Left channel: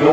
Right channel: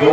2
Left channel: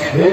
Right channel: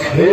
6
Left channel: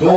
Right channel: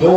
2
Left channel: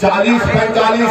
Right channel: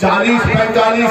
40, 45,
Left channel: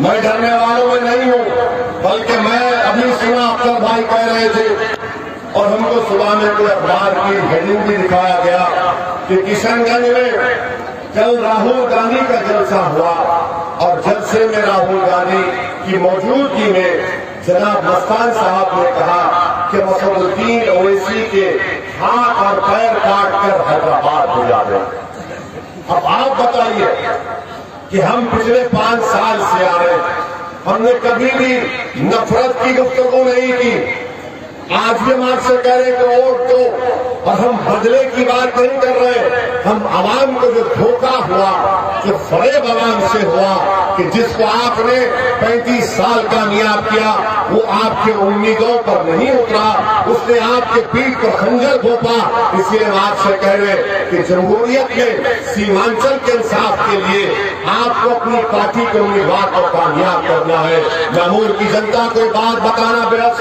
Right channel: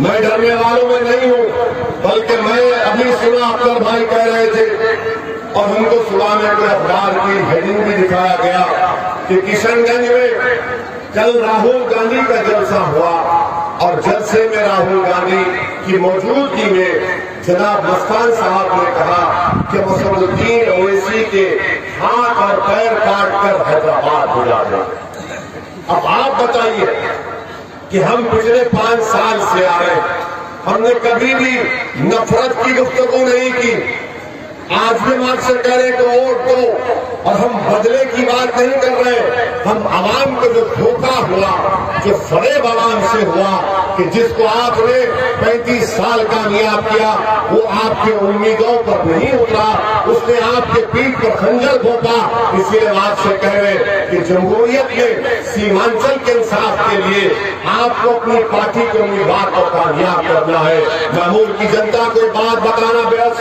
میں ڈرنے والوں میں نہیں ہوں، بلکہ میں ابھی سنا اختر بھائی کہہ رہے تھے اور ہم کو صبح میں کوئی اخبار کی ہیڈنگ بھی دکھایا گیا کہ کشن گنج میں کل راہل گاندھی کا جلسہ ہوا اور جلسے میں راہل گاندھی کی موجودگی میں جناب مستان صاحب نے کہا کہ اسد الدین اویسی کے ہاتھ اور پیر کاٹ کر حیدرآباد بھیجا گیا۔ اب آپ بتائیے کہ ہم پچھلے 5 سال سے آ رہے ہیں، ہم نے کبھی بھی نفرت کی گفتگو نہیں کی۔ آج بھی ہم آپ سے کہہ رہے ہیں کہ ووٹ دو، اور ہم بدلے کی بات نہیں کر رہے، ہم عوام کو جو دھوکہ ہوا، جو فریب عوام سے ہوا کہ جس کو آپ نے 35 سال کامیاب کیا وہ آپ کے امیدوں پر نہیں اترا، اس نے آپ کے پیٹھ پر خنجر گھونپا۔ اس لیے ہم آپ سے کہہ رہے ہیں کہ جمہوریت میں سیمانچل کے انصاف کے لیے آپ کو اپنی پارٹی کے امیدوار کو کامیاب کرنا ہے۔ معمول کی جنتا کو بات بتانا بے حد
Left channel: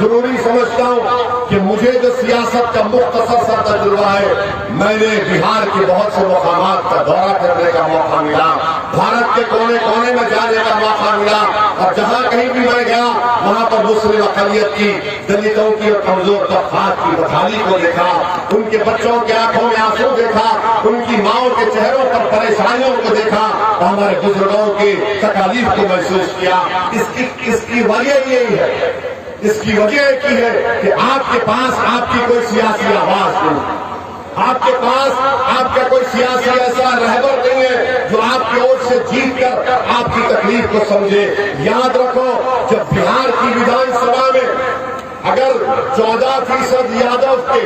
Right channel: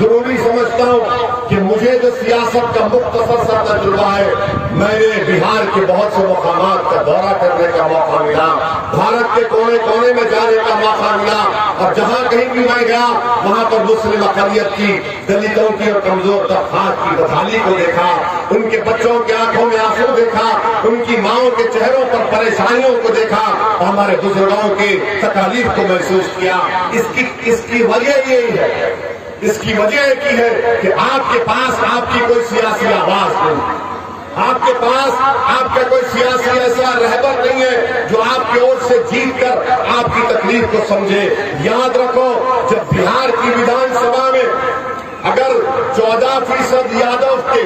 ضروری سمجھتا ہوں کہ مجھے جو سیاست کا مختصر سا تجربہ ہے، میں نے بہار کے بہت سے مقامات کا دورہ کرنے کا موقع ملا، بھارت کے کونے کونے میں جانے کا موقع ملا، اور جہاں کہیں بھی میں گیا وہاں پر مسلم اقلیت کی، دلتوں کی اور کمزور طبقات کی بحالی کو دیکھا، ان کے بچوں کی آنکھوں میں آنسو دیکھا، ان کی ماؤں کے چہروں پر پریشانیوں کو دیکھا، اور ہمارے بزرگوں کی تکالیف کو محسوس کیا۔ اس کی وجہ یہی ہے، اس کی وجہ یہ ہے کہ آپ کے پاس آپ کی کوئی سیاسی آواز نہیں، آپ کے پاس آپ کا کوئی سیاسی ایسا رہبر نہیں ہے جو آپ کی اور سے جیت کر آپ کی تکلیف کو سمجھے۔ یاد رکھو، جب بہار کی ویدھان سبھا میں اگر 14% یادو کے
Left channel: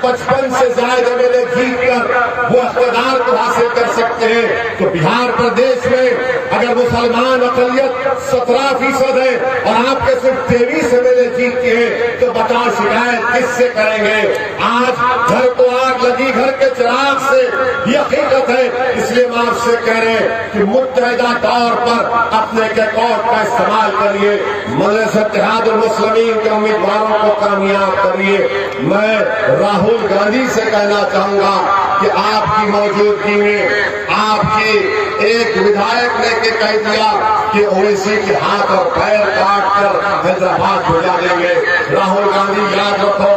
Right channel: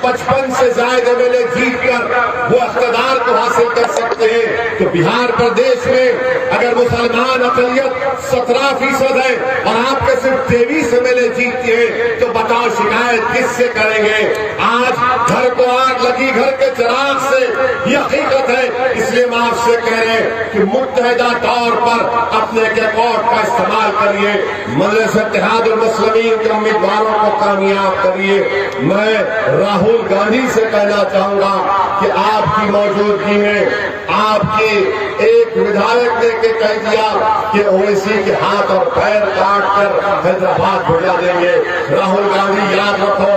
55 سے زائد MLA جیت کر وہ اقتدار کو حاصل کر سکتے ہیں، تو بہار پردیش میں اگر مسلمان اقلیت 17% ہے اور آپ کے صرف 23 MLA جیتتے ہیں تو بتاؤ شکایت کس سے کریں گے؟ آج گھر کو آگ لگی گھر کے چراغ سے، یہ حقیقت ہے۔ اس لیے ہم آپ سے کہہ رہے ہیں کہ متحدہ طور پر اپنے کیکوٹ کا استعمال کریے، مجلس اتحاد المسلمین کے امیدواروں کو کامیاب کریے۔ میں راہل گاندھی سے کہنا چاہوں گا کہ آپ کی موجودگی میں آپ کی ایک ودھائک نے کہہ دیا کہ اویسی کے ہاتھ اور پیر کاٹ کر حیدرآباد بھیجا دیں گے۔ راہل گاندھی یاد رکھو،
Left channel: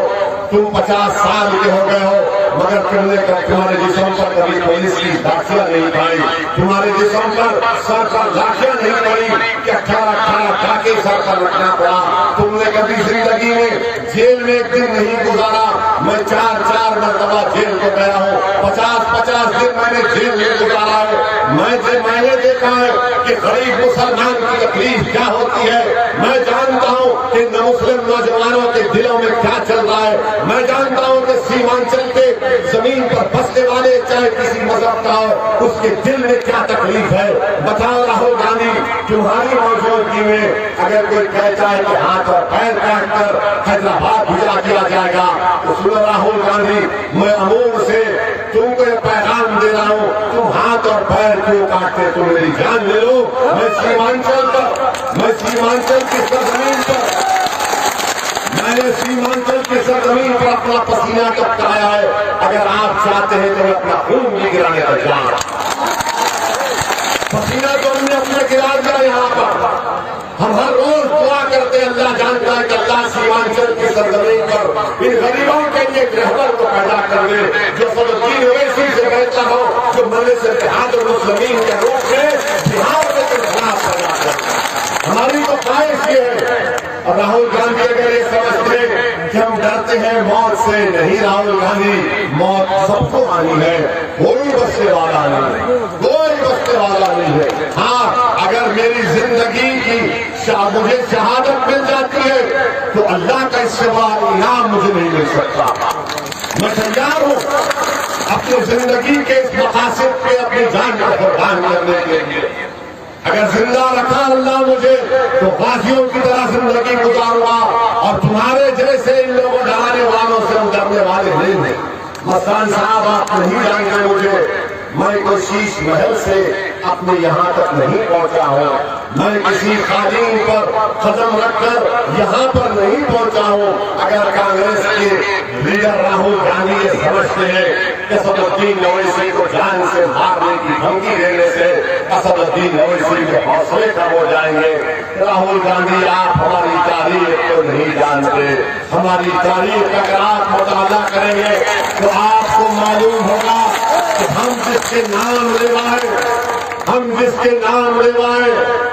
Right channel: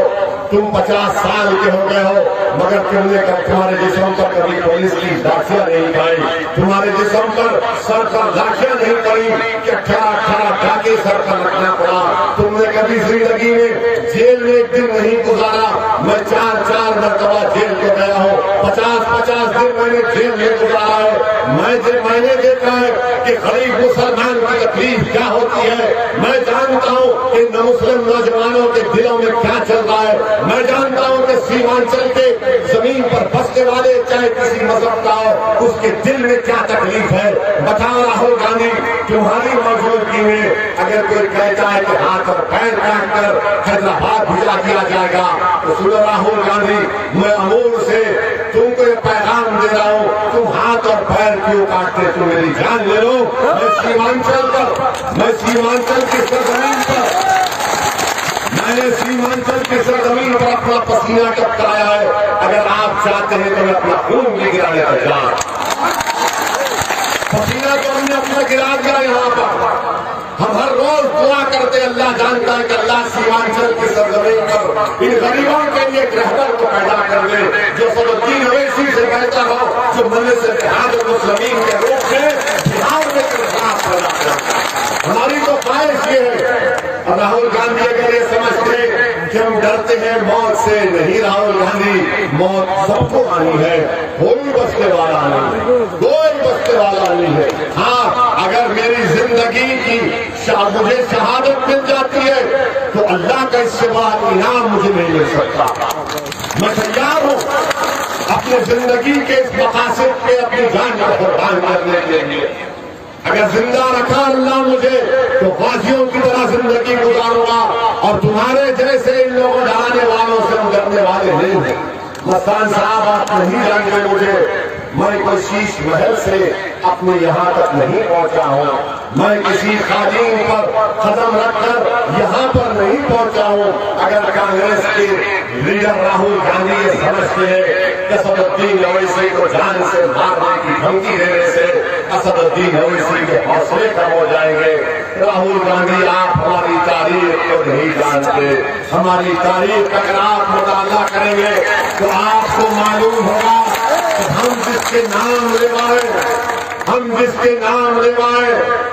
تم 50 سال کے ہو گئے ہو مگر تمہارے جسم پر کبھی پولیس کی دھمکیاں نہیں پڑی، تمہارے جسم پر سر پر دھمکیاں نہیں پڑی کہ کھڑا کھا کے سر پر رکھنا پڑا۔ تم نے کبھی زندگی میں جیل میں ایک دن نہیں گزارا۔ میں 4 مرتبہ جیل کو گیا ہوں، 50 دن میں نے جیل میں گزارا ہے۔ میں نے دیکھا ہے کہ غریب مسلمان کی تکلیف کیا ہوتی ہے، میں جانتا ہوں کہ مسلم نوجوانوں کے دلوں میں کیا چل رہا ہے، میں جانتا ہوں کہ سیمانچل کے زمین پر بسنے والے چاہے کسی مذہب کا ہو اس کے دل میں کیا تکلیف ہے۔ بتاؤ راہل گاندھی، تمہاری موجودگی میں اگر کوئی کہتا ہے کہ ہاتھ اور پیر کاٹ کر حیدرآباد بھیجا دیا جائے گا تو سنو راہل گاندھی، میں امور سے تم کو یہ پیغام دے رہا ہوں، تم ہاتھ اور پیر کیوں کاٹتے؟ تم میری جان لے لو، میں سیمانچل کی سرزمین پر میں نے سیمانچل کی سرزمین پر اپنا پسینہ ٹپکایا ہے۔ اگر آپ چاہتے ہیں تو میں اپنا خون بھی گرانے کا جان، پسینہ تو ہم نے اپنا گرا دیا یہاں پر۔ ہم ہر روز دعا کرتے، اللہ جانتا ہے کہ اللہ سیمانچل کی سرزمین پر ان غریبوں کے لیے ایک رہبر کو پیدا کر دے جو اسد الدین اویسی سے بہتر ہو، جو مجلس اتحاد المسلمین کے روپ میں بہار کے خلاف پیدا کرے۔ ہماری تو خواہش یہ ہے، اور راہل گاندھی اگر یہ سمجھتے کہ ہم ڈرتے ہیں موت سے، نہیں راہل گاندھی، موت سب کو آنی ہے، کوئی بچنے والا نہیں ہے، کوئی بچنے والا نہیں ہے۔ ہاں، اگر میری زندگی کی مجھے شہادت مل جاتی ہے تو اللہ کا اس سے بڑا انعام مجھے نہیں مل سکتا۔ میں تیار ہوں اپنی زندگی کے اس مقاصد پہ اپنی جان کا قربان کرنے کے لیے۔ اگر زندہ رکھا اللہ مجھے تو غازیوں کی طرح زندگی گزاروں گا، اور تمہارے جیسے ان لوگوں ڈرانے والوں سے ہم ڈرنے والے نہیں ہیں۔ مستان صاحب آپ نہیں جانتے مجھے، میں کوئی شیش محل سے اپنے یہاں تک نہیں پہنچا ہوں، میں کسی قالین پر قدم رکھ کر یہاں پر نہیں پہنچا ہوں۔ اگر کانگریس کے لیڈر راہل گاندھی یہ سمجھتے ہیں کہ اسد الدین اویسی کو جان سے مارنے کی دھمکی دینے سے اسد الدین اویسی کے حوصلے کم ہو جائیں گے، راہل گاندھی آپ ہماری تاریخ کو نہیں جانتے۔ ہماری تاریخ کا اگر آپ مطالعہ کریں گے تو آپ کو معلوم ہوگا کہ ہم جس کے نام لیوائے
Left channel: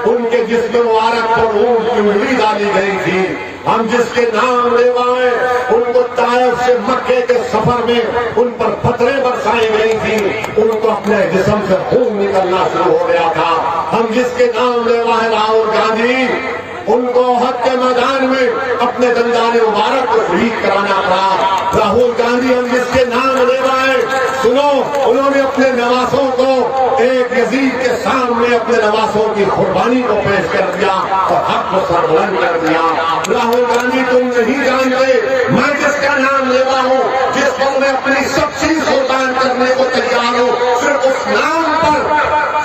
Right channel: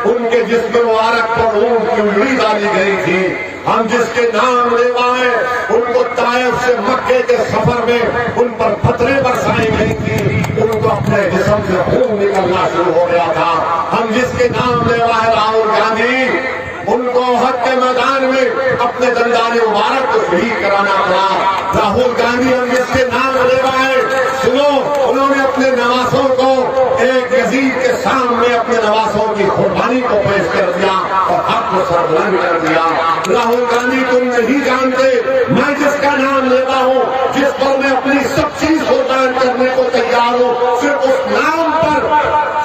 ان کے جسم مبارک پر اونٹ کی انگلی ڈالی گئی تھی، ہم جس کے نام لیوائے ان کو طائف سے مکے کے سفر میں ان پر پتھریں برسائی گئی تھی، ان کو اپنے جسم سے خون نکلنا شروع ہو گیا تھا۔ ہم جس کے نام لیوائے راہل گاندھی، ان کو احد کے میدان میں اپنے دندان مبارک کو شہید کرانا پڑا۔ راہل گاندھی ہم جس کے نام لیوائے، سنو، انہوں نے اپنے نواسوں کو ایک یزید کے سامنے اپنے نواسوں کی قربانی کو پیش کر دیا اور حق کو سربلند کر دیا۔ راہل گاندھی تم نہیں جانتے میں جس کا نام لیوا ہوں، جس پر میں اپنی سب چیز قربان کرنے کو تیار ہوں، صرف اس نام پر۔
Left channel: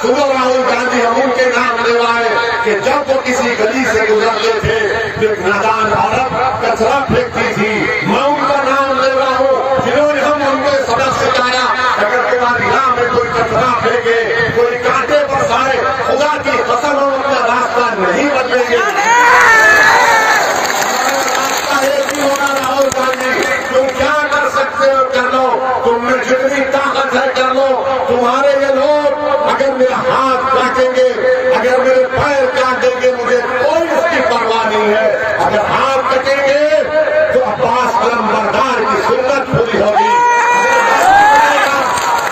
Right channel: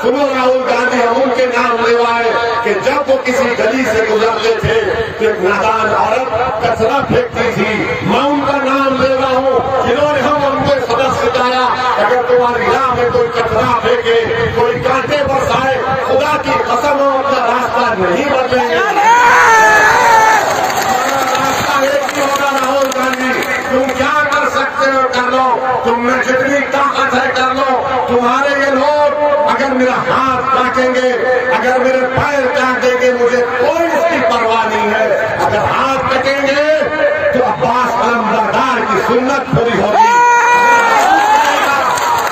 سنو راہل گاندھی، ہم ان کے نام لیوائے کہ جب وہ کسی گلی سے گزرتے تھے تو ایک نادان عورت کچرا پھینکتی تھی، میں ان کا نام لیوا ہوں جنہوں نے ہم کو سبق سکھایا اگر تمہاری راہ میں کوئی کچرا پھینکے، کوئی کانٹے برسائے، خدا کی قسم ہم اپنا راستہ نہیں بدلیں گے۔ ہمارا راستہ ایک ہی ہوگا راہل گاندھی، تم کیا کر سکتے ہو کر لو، تم میں جتنی طاقت ہے کر لو۔ تمہارے یہ لوگ اگر میرا ہاتھ کاٹیں گے، اگر میرے پیر کاٹیں گے، مجھے کوئی اس کی پرواہ نہیں ہے۔ اگر ہاتھ کٹیں گے تو عباس علمبردار کی سنت پوری ہوگی،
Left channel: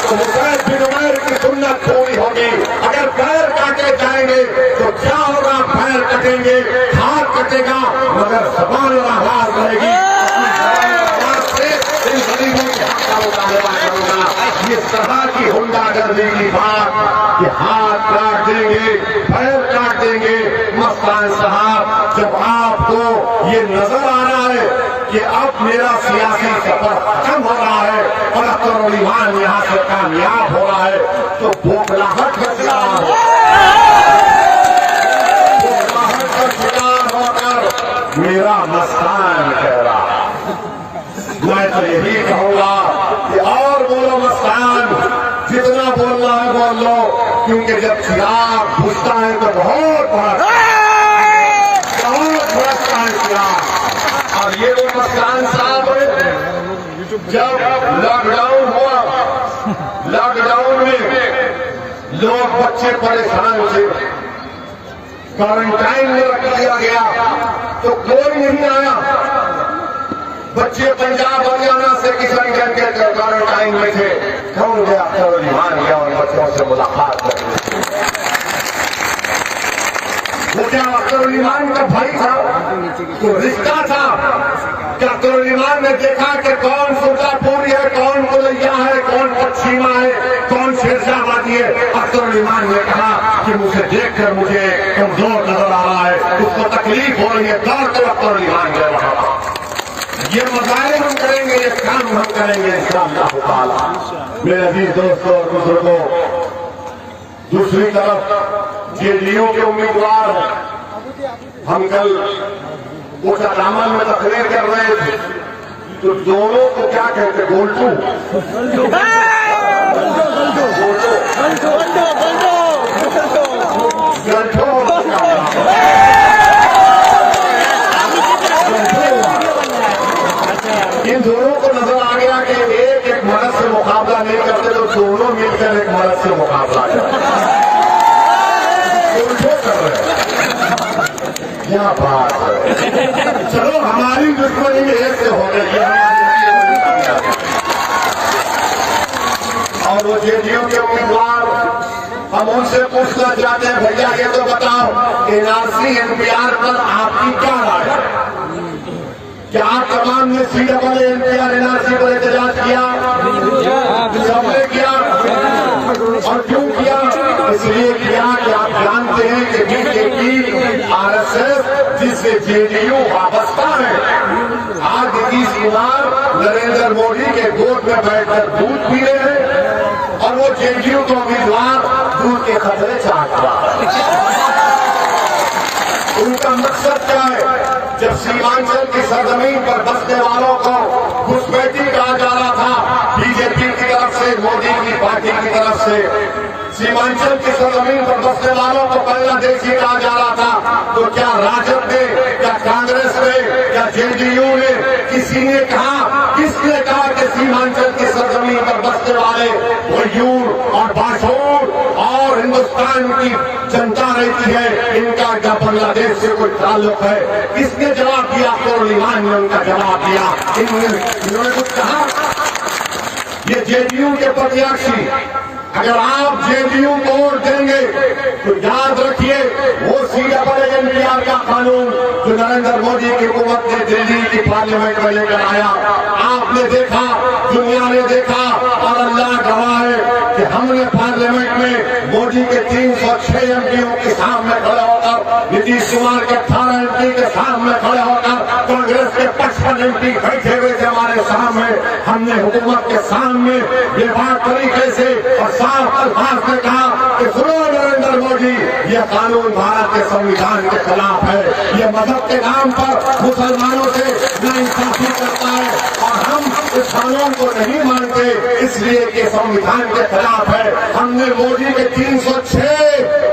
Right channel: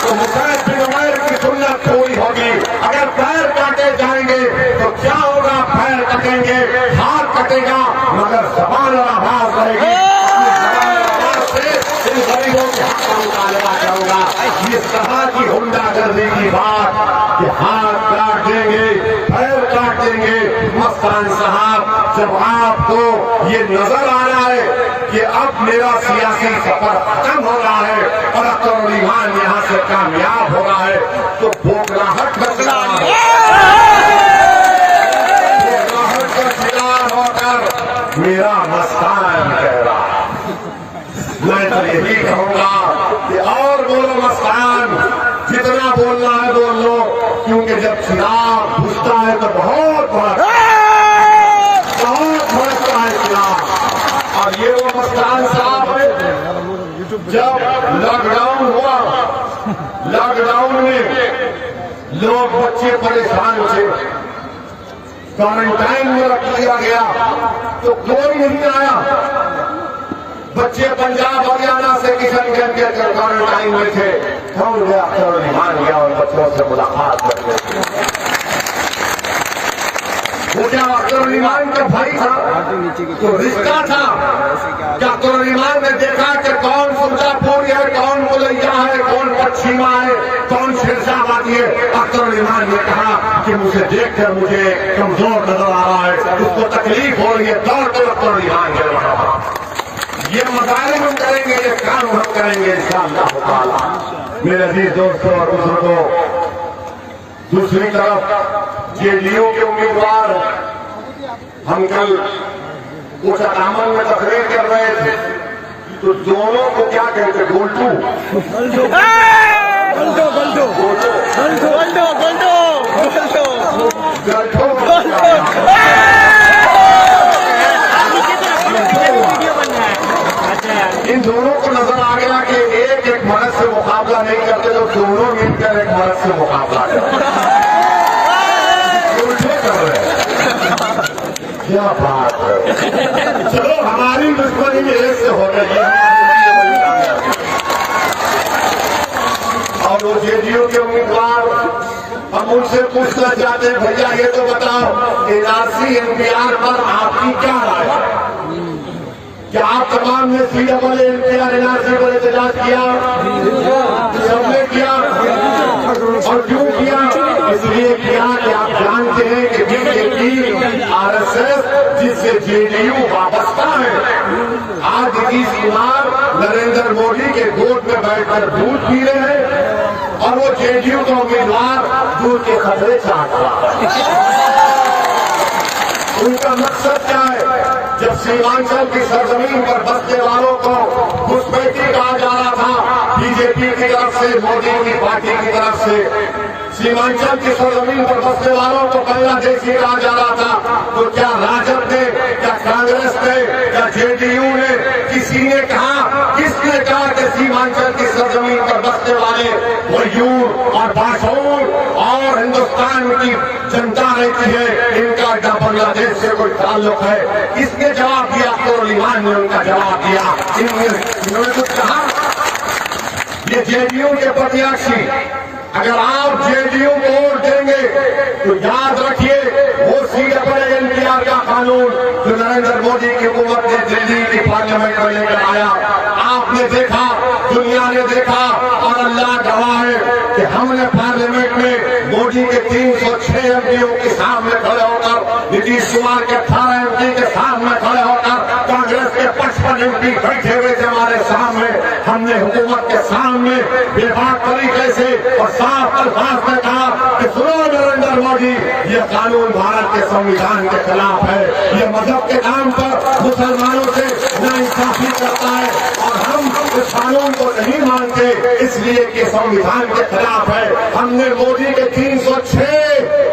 تو مصعب بن عمیر کی سنت پوری ہوگی۔ اگر پیر کاٹے جائیں گے تو کیا ہوگا؟ پیر کٹیں گے، ہاتھ کٹے گا، مگر زبان اور آواز رہے گی۔ اپنی زبان اور آواز سے ان غریبوں کو حق کا مطالبہ کروں گا۔ اس طرح کی ہنڈا گردی کی بات کہ ہاتھ کاٹ دیں گے، پیر کاٹ دیں گے، مستان صاحب جب آپ کو یہ نظر آ رہا ہے کہ اب میرا سیاسی سفر ختم ہو رہا ہے اور اختر الایمان یہاں سے کامیاب ہو رہا ہے تو بھوکلاہٹ بچ رہا ہے۔ بھوکلاہٹ کا شکار ہو کر میرا مستان کہہ رہا ہے۔ میں تو یہی کہوں گا کہ اور بولو مستان، جتنا بولنا ہے بول لو، کیونکہ جب چراغ بجھتا ہے تو بہت بڑا چراغ۔ اور یہ وہ مستان صاحب جب لاک ڈاؤن ہوا، لاک ڈاؤن میں لوگ بچے پریشان تھے، کوارنٹائن میں رکھ دیا گیا تو کوئی نہیں آیا۔ بچے پنجاب ہریانہ سے کشن گنج کے کوارنٹائن میں تھے، ہم گیا مان گیا اور بچوں سے ملاقات کرتے تھے۔ وہ کیا اختر الایمان کا بھائی تھا، تو رشتہ تھا کہ اختر الایمان نے دیکھا کہ کون سلطا پوری ہے، کون ملیا ہے، کون پچھیما ہے، کون شہنشاہ باقی ہے۔ اختر الایمان نے کہا کہ مجھے دیکھ کر مجھے کمزور نظر آ رہا ہے، اس کو تکلیف ہو رہی ہے، دوڑ کر اختر الایمان دے رہا ہے۔ یہ مظاہرے ہم کریں گے، یہ کام ہم کریں گے انشاءاللہ تعالی۔ میرے عزیز دوستوں اور بزرگوں، دوسری طرف جے ڈی یو کے امیدوار ہم کل اس اقامہ میں تقریر کر رہے تھے تو دونوں کو کیا کہتے گولٹو، ان دونوں کو نظر آ گیا کہ ایک مرد سے مقابلہ نہیں کرتے تو دونوں مل کر ایک مرد سے مقابلہ کر رہے ہیں۔ کیا بات ہے، چلو ہماری دشمنی ایک سے ہو رہی ہے۔ اور وہ جے ڈی یو کے امیدوار ہم ان سے پوچھنا چاہتے ہیں، بھیا یہ تو بتاؤ N R C N P R پر آپ کی کیا رائے ہے؟ کیا آپ تمام نے C double N P R N R C پر احتجاج کیا؟ سب نے کیا، اور کیوں کیا؟ اس لیے کیا کہ آپ جانتے ہیں کہ BJP RSS جس سے JDU وابستہ ہے، آج نتیش کمار نریندر مودی کے گود میں بیٹھ کر دودھ پی رہے ہیں اور وہ JDU کا امیدوار دودھ کے خطرے چاہتا ہے۔ ان کا مقصد کیا ہے؟ جب سیمانچل کی سرزمین پر بسنے والوں کو گھسپیٹی کہا جا رہا تھا BJP کی طرف سے، مودی کی پارٹی کی طرف سے، سیمانچل کی سرزمین پر بسنے والوں کو بنگلہ دیشی کہا جا رہا تھا، تو کیا راجد نے یا کانگریس نے یا JDU نے کسی نے کہا، کس نے کہا کہ سیمانچل کی سرزمین پر بسنے والے غیور اور باٹور اور ہندوستان کی جنتا رہتی ہے، ان کا بنگلہ دیش سے کوئی تعلق ہے؟ کس نے جواب دیا؟ اختر علی خان نے ان کا جواب دیا۔ انہوں نے کچھ کہا؟ یہ JDU کے پرتیاشی، اگر آپ JDU کو ووٹ دیں گے تو یاد رکھیے وہ CAA کا قانون جو نریندر مودی کی حکومت نے دلی کی پارلیمنٹ میں لے کر آیا، آپ نے دیکھا، دنیا نے دیکھا، اور اللہ گواہ ہے کہ ہم نے پارلیمنٹ میں مودی کے 306 MPوں کے سامنے کھڑے ہو کر، نتیش کمار کے 18 MP کے سامنے کھڑے ہو کر، کانگریس کے 55 MP بیٹھے ہوئے تھے ہمارے سامنے، ہم نے حکومت کے سامنے بے باک طریقے سے اور صاف الفاظ میں کہا کہ سنو نریندر مودی، یہ قانون بھارت کے سنویدھان کے خلاف ہے، یہ مذہب کے نام پر مسلمانوں سے ناانصافی کرتا ہے اور ہم اس قانون کو نہیں مانتے، اس لیے کہ سنویدھان کے خلاف ہے۔ ہم نے مودی کے 306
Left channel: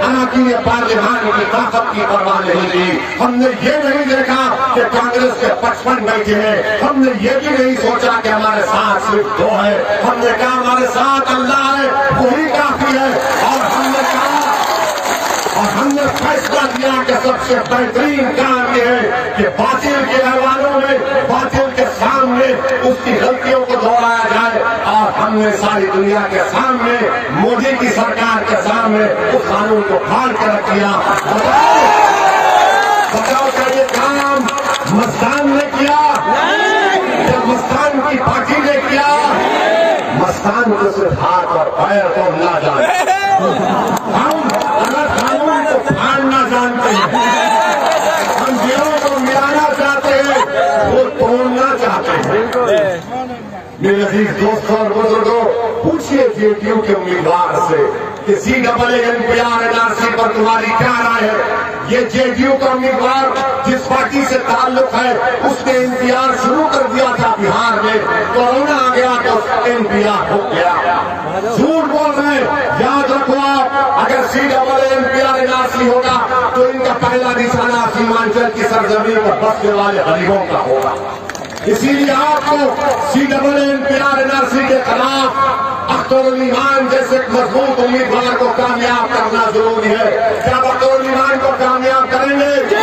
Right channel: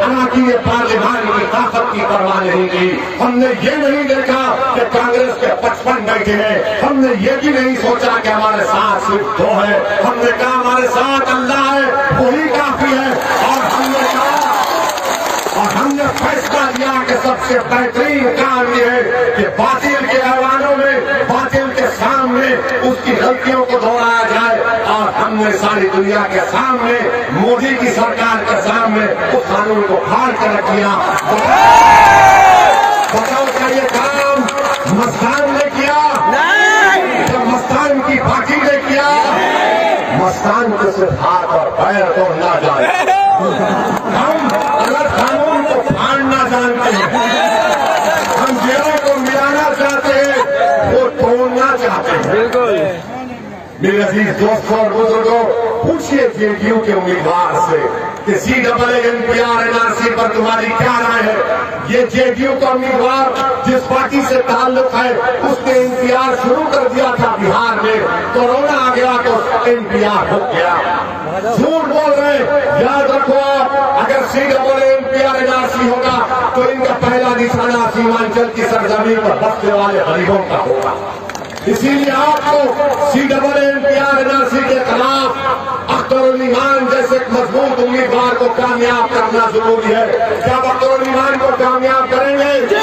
اراکین پارلیمان کی طاقت کی پرواہ نہیں کی، ہم نے یہ نہیں دیکھا کہ کانگریس کے 55 بیٹھے ہیں، ہم نے یہ بھی نہیں سوچا کہ ہمارے ساتھ صرف 2 ہیں، ہم نے کہا ہمارے ساتھ اللہ ہے، وہی کافی ہے، اور ہم نے کہا اور ہم نے فیصلہ کیا کہ سب سے بہترین کام یہ ہے کہ باطل کے ایوانوں میں، باطل کے سامنے اس کی غلطیوں کو دہرایا جائے، اور ہم نے ساری دنیا کے سامنے، مودی کی سرکار کے سامنے اس قانون کو پھاڑ کر رکھ دیا۔ بتاؤ کیا یہ کام مستان نے کیا؟ جب مستان کی پارٹی نے کیا؟ مستان کو صرف ہاتھ اور پیر کو نہ جانے، ہم اگر قانون کو پھاڑنا جانتے ہیں، ہم جیڑوں کو ملانا چاہتے ہیں، وہ توڑنا چاہتے ہیں۔ میرے عزیز دوستوں اور بزرگوں، پوچھئے JDU کے امیدوار سے کہ CAA NRC پر تمہاری کیا رائے ہے؟ یہ JDU کا امیدوار جس پارٹی سے تعلق ہے، اس نے انتظار شروع کر دیا تھا بہار میں، کورونا آ گیا تو اس کا انتظار ہو گیا۔ جھوٹ بول رہے ہیں، یاد رکھو آپ، اگر CAA NRC ہوگا تو ان کا پہلا نشانہ سیمانچل کی سرزمین پر بسنے والے غریبوں کا ہوگا۔ اسی لیے آپ کو CAA NRC کے خلاف اختر علی خان جیسے ایک مضبوط امیدوار کو کامیاب کرنا ضروری ہے۔ کیا اختر علی خان کو کامیاب کریں گے؟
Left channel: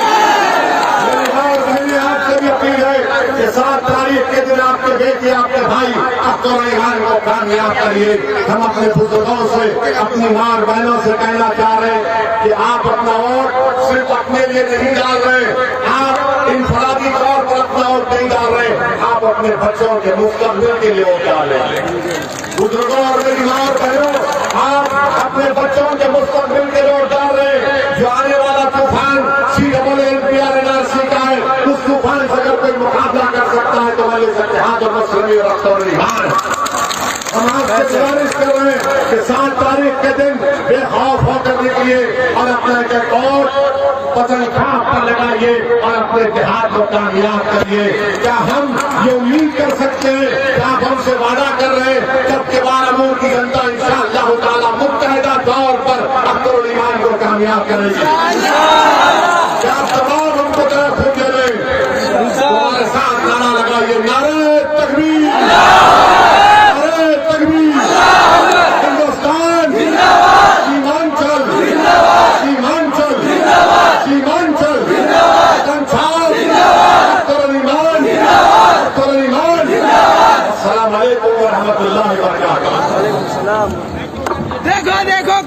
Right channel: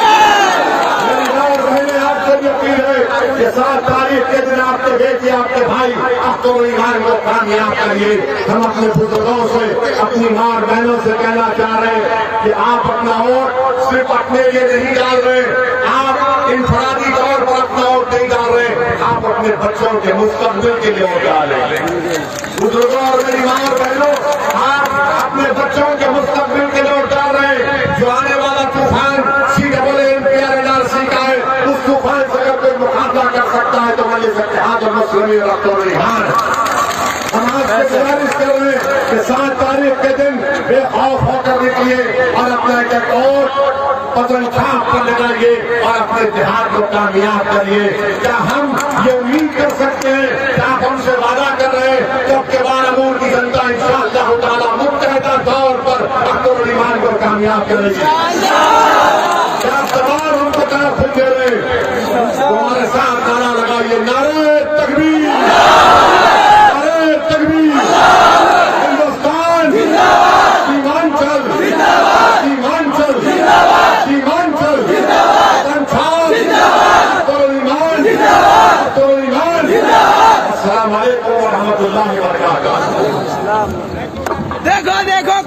آپ سے بھی اپیل ہے کہ 7 تاریخ کے دن آپ کے بیٹے، آپ کے بھائی اختر علی خان کو کامیاب کریے۔ ہم اپنے بزرگوں سے، اپنی ماں بہنوں سے کہنا چاہ رہے ہیں کہ آپ اپنا ووٹ صرف اپنے لیے نہیں ڈال رہے، آپ انفرادی طور پر اپنا ووٹ نہیں ڈال رہے، آپ اپنے بچوں کے مستقبل کے لیے ووٹ ڈال رہے ہیں۔ بزرگوں اور میری ماں اور بہنوں، آپ اپنے بچوں کے مستقبل کے لیے ووٹ ڈال رہے ہیں۔ جو آنے والا طوفان CAA NRC کا ہے، اس طوفان سے اگر کوئی مقابلہ کر سکتا ہے تو ملک اتحاد اور مسلم اختر علی خان۔ ہم آپ سے گزارش کر رہے ہیں کہ 7 تاریخ کے دن بے خوف ہو کر نکلیے اور اپنا ایک اور قدم چھاپ پر لگائیے اور اپنے اتحاد کو کامیاب کریے۔ کیا ہم یہ امید کر سکتے ہیں کہ آپ ہم سے وعدہ کر رہے ہیں جب کہ بارامور کی جنتا انشاءاللہ تعالیٰ متحدہ طور پر اختر علی خان کو کامیاب کرے گی؟ کیا آپ تمام ہم کو طرف دے رہے ہیں؟ ہمارے ساتھ نعرہ لگائیے، نعرہ تکبیر، نعرہ تکبیر، ہندوستان، سیمانچل، سیمانچل، سیمانچل، وطن چھاپ، اختر علی خان، اختر علی خان۔ السلام علیکم ورحمۃ اللہ وبرکاتہ۔ دیکھو دیکھو